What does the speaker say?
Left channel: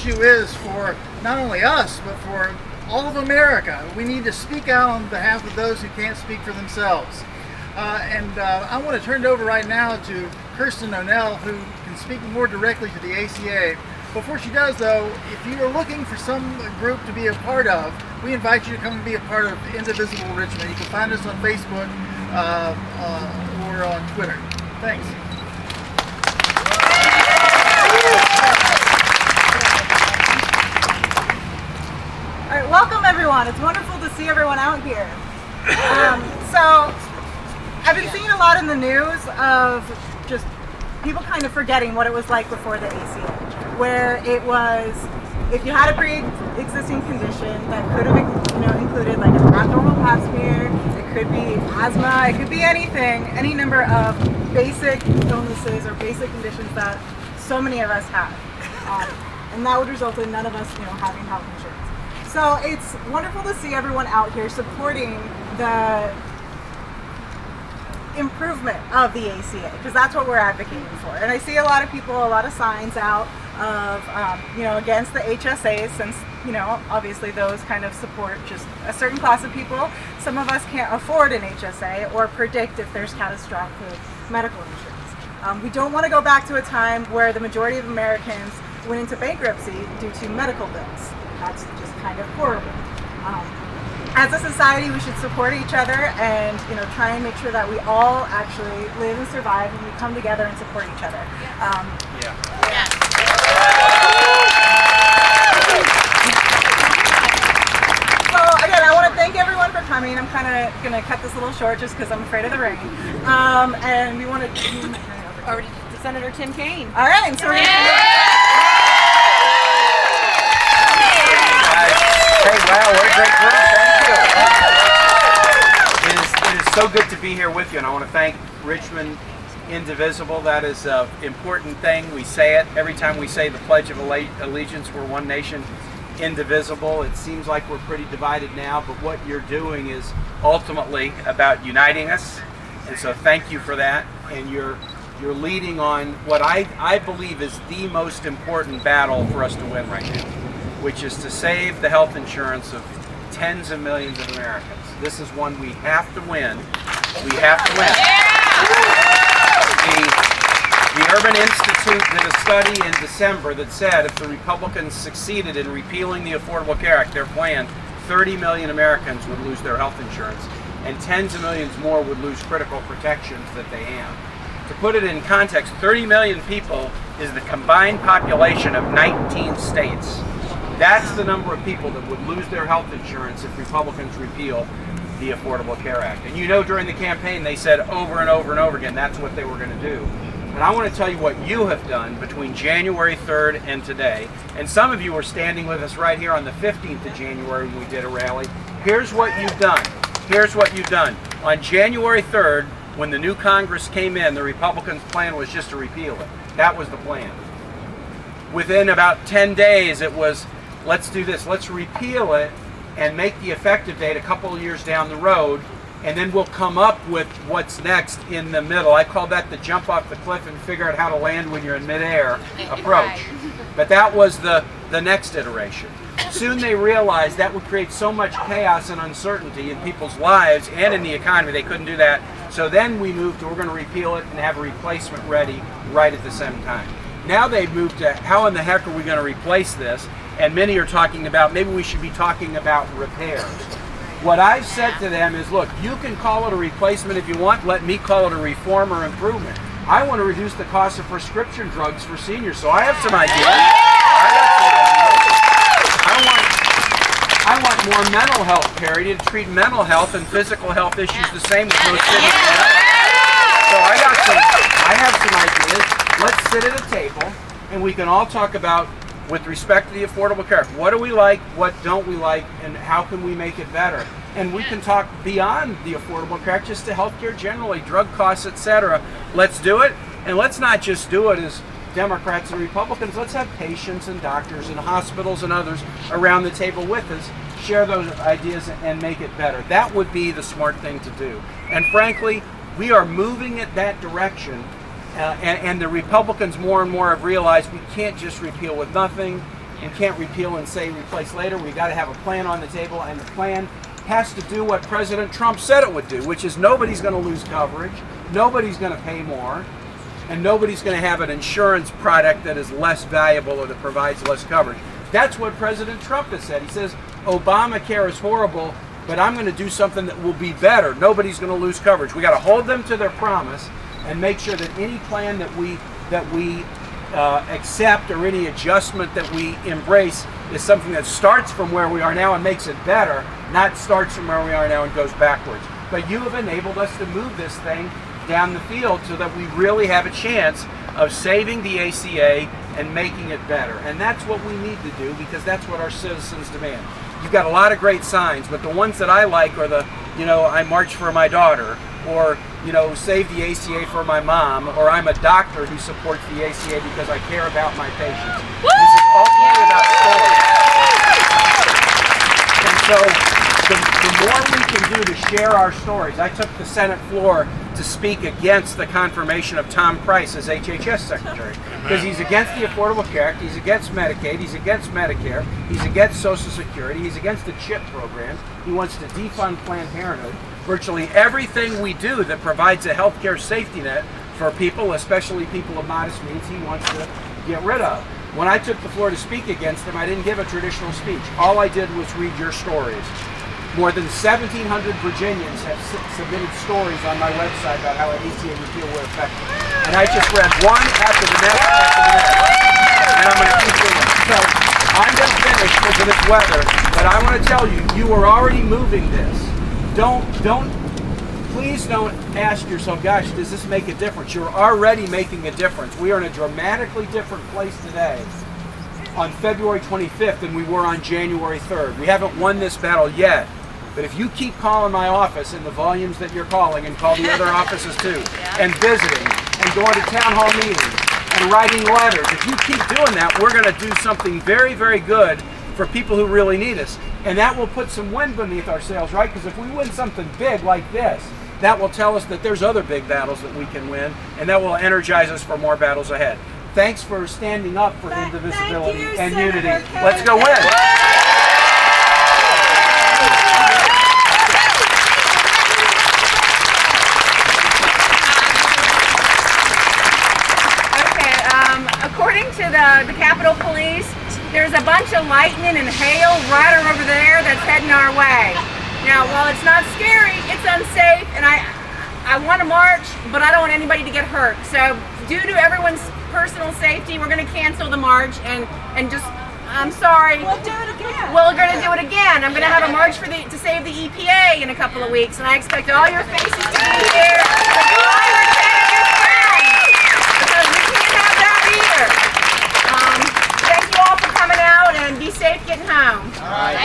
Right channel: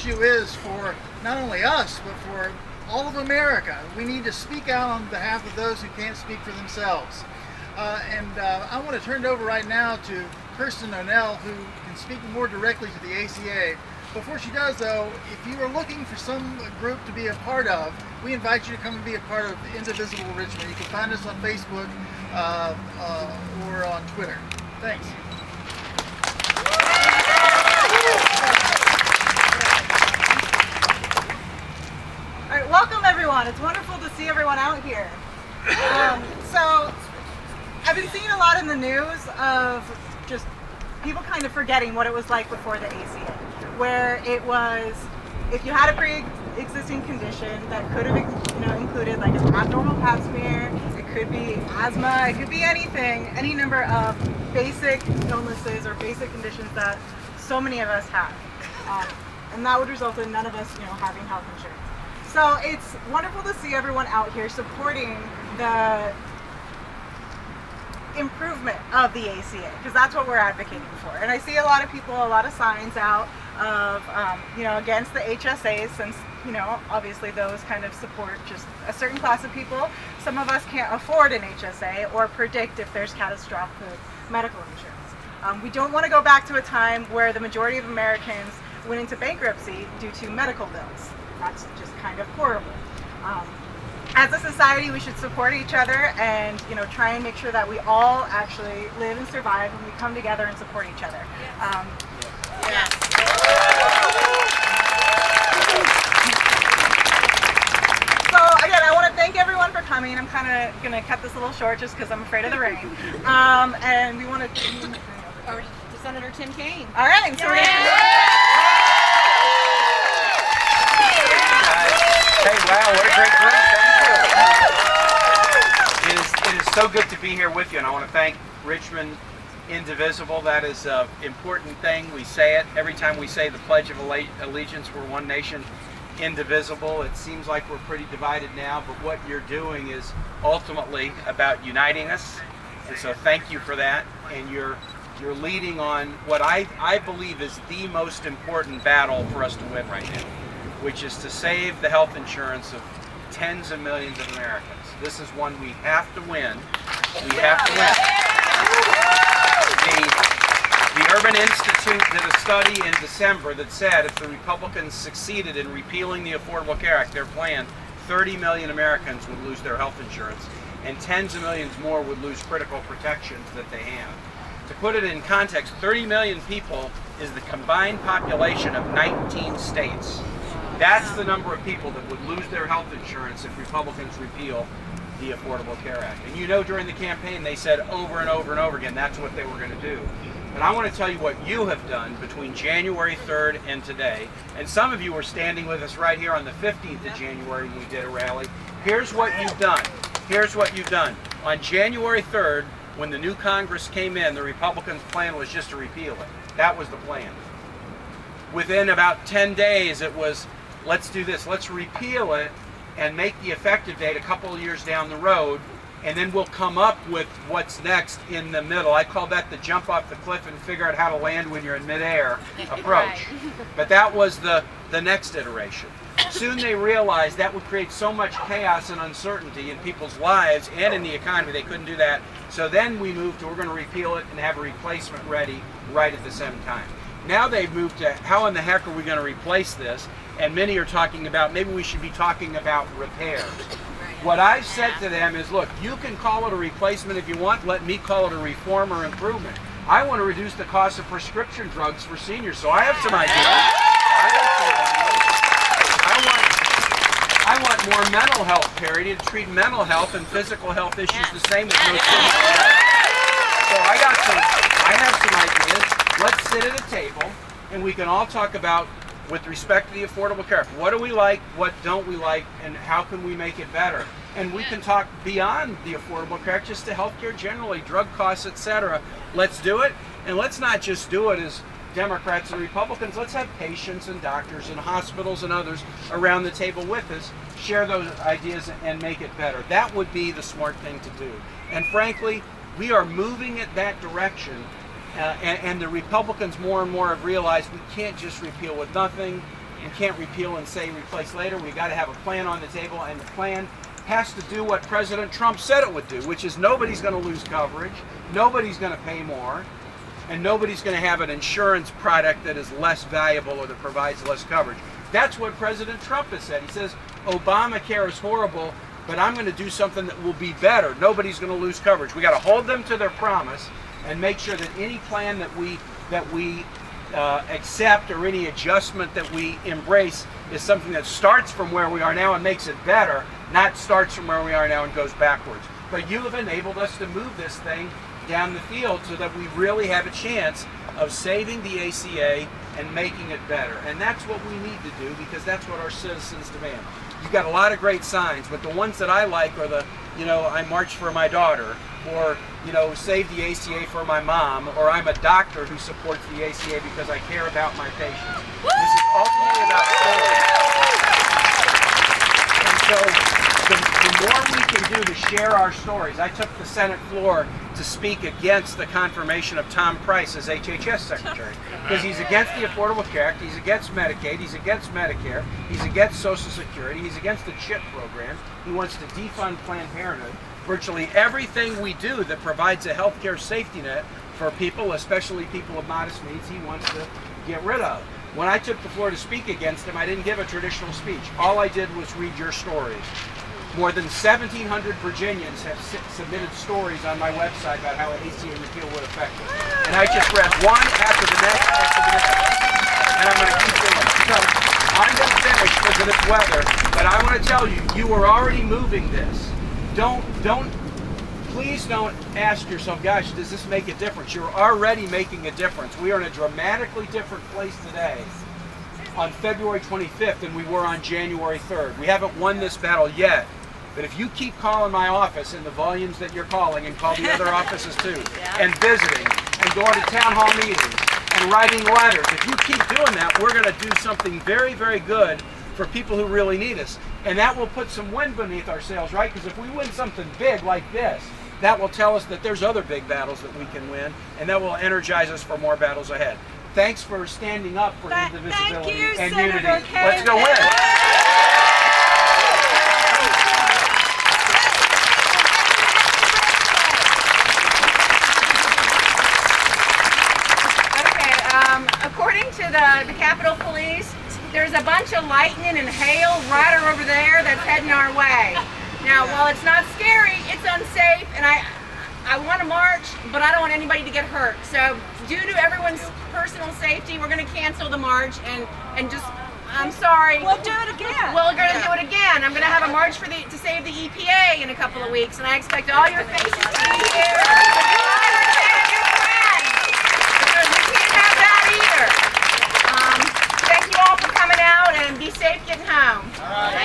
issue is for not only us, but for all of America. We need to speak out on behalf of those who can't speak for themselves. I want to turn it over right now to Kirsten O'Neill, who can speak more directly to the ACA. Before she does, though, if you are looking for some group to be a part of, we invite you to come and be a part of Indivisible Richmond. You can find us on Facebook or on Twitter. Thanks. All right, welcome everyone. It's wonderful to see everyone out here. So, I've been seeing a lot in the news of just people kind of forgetting what it was like before the ACA, where it was, if you had a pre-existing condition that could have included like abnormal pap smear, it could be asthma, it could be anything, any number of basic illnesses or basic conditions that so many of us have. And that would result in none of us having health insurance. So it's wonderful to see everyone out here supporting the improvement of the ACA, because that's what we're advocating for. And I see a lot of people, a lot of signs out of, against the HSAs, since, obviously those kind of support just a certain class of people. Some of us can't afford an HSA or predict if there's catastrophic medical insurance. We don't want to go back to a time where the majority of Americans went into bankruptcy due to medical bills. That's just kind of horrible. As a society, we should support each other and try and make sure that we all actually live and survive, and we come together and support each other. Yes. So again, I want to thank everyone for coming. I'm kind of going to cut this a little short just because I'm afraid of the rain. And we want to Or Senator Tim Kaine. all right. So So good to be here with you, and I want to thank Richmond Indivisible. That is an important thing. We say it every time we say the Pledge of Allegiance. We're one nation, indivisible. It seems like we're pretty divided now, but what you're doing is ultimately about uniting us. And so thank you for that. And you're leading on what I believe is the most important battle for us to win right now, which is to save the health insurance of tens of millions of Americans. This is one we have to win. We have to win. The Urban Institute did a study in December that said if the Republicans succeeded in repealing the Affordable Care Act, their plan, 30 million Americans would lose their health insurance, and tens of millions more would lose critical protections that they have. To put it in context, 30 million people is the combined population of 19 states. That's the number of people that would lose their health insurance if Republicans repeal the Affordable Care Act. And during the campaign, they said over and over and over again that's what they were going to do. And I want to tell you what you have done between January 3rd and today. And some of you were standing with us right here on the 15th of January when we did a rally. Here's what you've done. Here's what you've done. On January 3rd, when the new Congress came in, the Republicans' plan was just to repeal it. That was the plan. Within about 10 days, it was, let's do this. Let's repeal it and make the effective date a couple of years down the road, and then we'll come up with what's next in the middle. I call that the jump off the cliff and figure out how to land when you're in midair approach. Right. But that was the next iteration. Soon they realized that would create so much chaos and uncertainty in people's lives and in the economy, they couldn't do that. So then we moved to, we're going to repeal it and have a replacement ready right at the same time. Now they've moved to, how in the heck are we going to replace this? And many are talking about, maybe we should be talking about repair. What I've said to them is, look, you can call it a replacement if you want. Let me call it a reform or improvement. I want to reduce the cost of prescription drugs for seniors, so I have some ideas. I want more mental health parity to treat mental health and physical health issues the same as most people. So I have some ideas. Let's sit at a table, and we can all talk about, with respect to the Affordable Care Act, what do we like, what don't we like, and how can we make it better? And we can talk beyond the Affordable Care Act, just to healthcare generally, drug costs, etc. Let's do it, and let's not just do it as Democrats and Republicans. Let's have patients and doctors and hospitals and others around the table with us, share those ideas and make it better. That would be the smart thing to do. And frankly, we are moving in that direction. And the Republicans more and more have realized we can't just repeal with nothing. and can't repeal and say replace later. We got to have a plan on the table, and the plan has to do what President Trump said it would do, which is nobody's going to lose coverage, nobody's going to pay more, and nobody's going to have an insurance product that is less valuable or that provides less coverage. That's what President Trump has said. He says Obamacare is horrible, but I'm going to do something that will be better. Nobody's going to lose coverage. We got to hold them to their promise and make sure that any plan that we accept or any adjustment that we embrace is something that starts from where we are now and makes it better, not starts from where we are now and goes backwards. But you have enabled us to move this thing down the field so that we really have a chance of saving the ACA and making it better. And that's what we need to do, because that's what our citizens demand. You've got a lot of great signs, but the ones that I like are the, I march for my daughter, or, save the ACA for my mom, or I'm a doctor who supports the ACA because I care about my patients. And so, the more we can do to share our stories. I took the Senate floor to speak against the confirmation of Tom Price as HHS Secretary. Because he's against the Affordable Care Act, he's against Medicaid, he's against Medicare, he's against Social Security, he's against the CHIP program, he wants to defund Planned Parenthood. Virtually everything we do that provides a healthcare safety net for people, especially people of modest means, he wants to get rid of. When I took the floor to speak against him, I didn't give a traditional speech. All I did was read your stories. More than 1,700 Virginians have submitted stories on my website about how an ACA repeal will affect them. And I just read one after the next. So I'm going to finish with this weather, but I want to tell you, you are already moving this. Please don't ask yourself, gosh, does this make a difference? You're already making a difference. We are in a dramatically different place today on February 25th than we were on January 3rd. We haven't won this battle yet. But if you keep calling my office in the volumes that you're calling, and call the other offices too, and visiting, and going to town hall meetings, and writing letters, if you keep doing that, we're going to do something very, very good for people who really need us. And that will put some wind beneath our sails, right? Because if we win something big like this, that will tell us that there's other big battles that we can win, and that will energize us for more battles ahead. Thanks for standing up for indivisibility and unity. Let's go win. Lightning and hail right over there that's heading our way. Now, while it's not scary, it's unsafe, and I want to march, but I don't want anybody to get hurt. So, due to everyone's personal safety, we're going to cancel the march, and just, I'm sorry. We'll do it again. We're going to do it again. I'm going to have a march to save the EPA in a couple of weeks, and I expect that all your faces to be here. All right.